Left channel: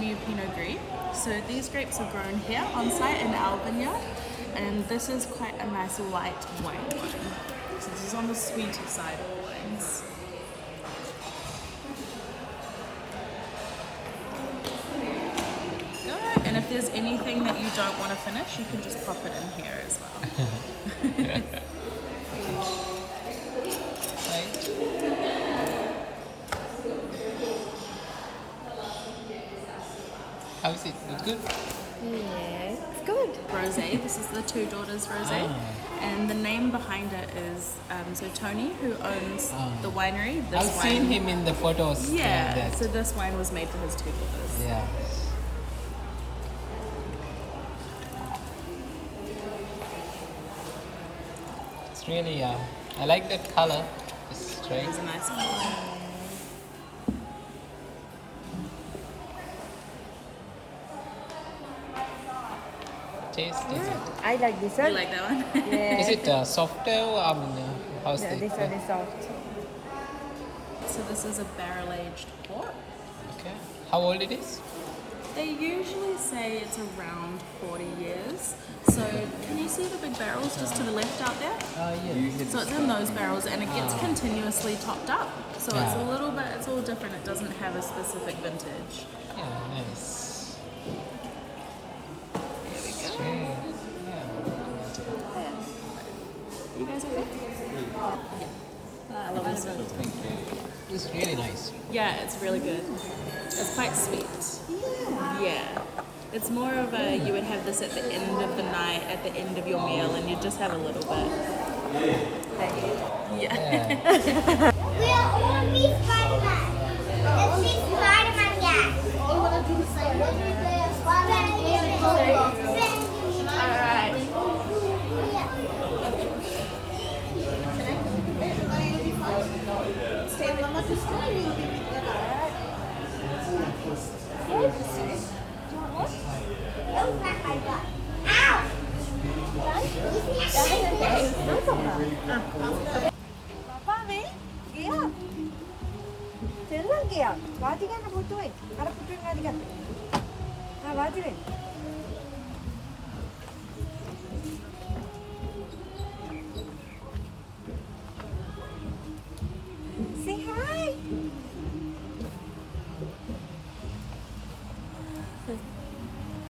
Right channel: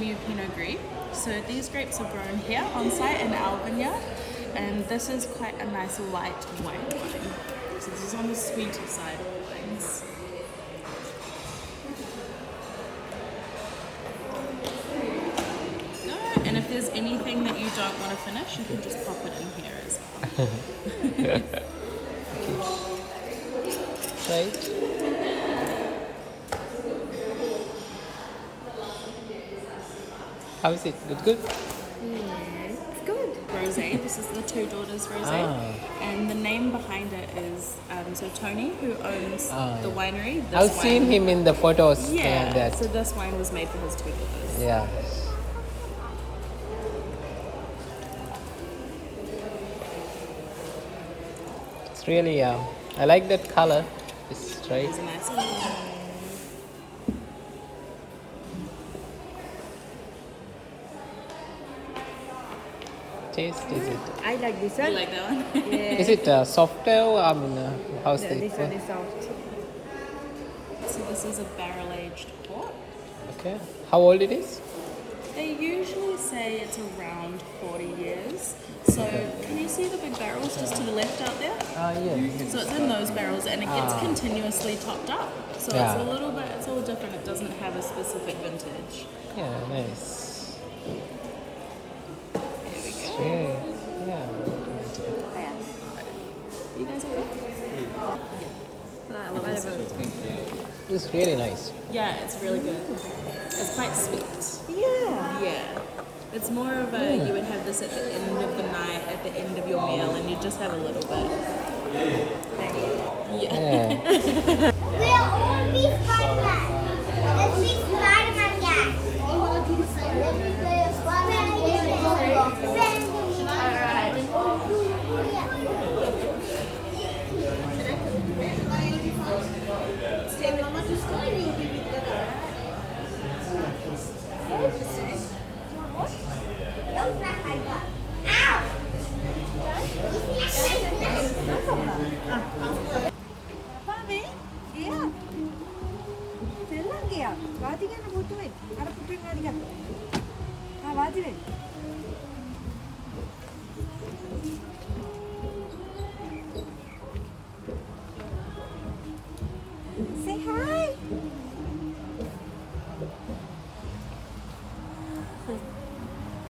new Pinot Gris. So these grapes are grown here on site in our vineyard, and this is quite a nice light white wine. So this is on the sweeter side of wines. Good. And if there's anything that you don't want to finish, you can just pop it in here as well. Wait. How is it? Good? Yes, it's good. Rosé. This is the Two Daughters Rosé, and the name behind it is so Tony, who owns the winery. I've seen him in the photos. Yeah. So this wine was made for his two daughters. Yeah. It's really I like that color. Just try It's it. a nice one. Taste is it? I like this one. You like that one? Yeah. Is it soft tail? How's No, it? this one is soft. So this is a barrel-aged port. Okay. How old it is? They usually say it's around 40 years. So can you see the big barrels just to the left out there? Yeah. So it's in those barrels, and it gets continuously topped up. So it's a little bit, it's all different. It doesn't have a specific vintage. Yeah, nice. Here we go. Yeah. You guys okay? It's really nice. Yeah, it's really good. It's quite sweet. Yeah. Yeah. It's more of a, you would have this at the end of the night, at the end of your meal, and you just have a little bit. Thank you.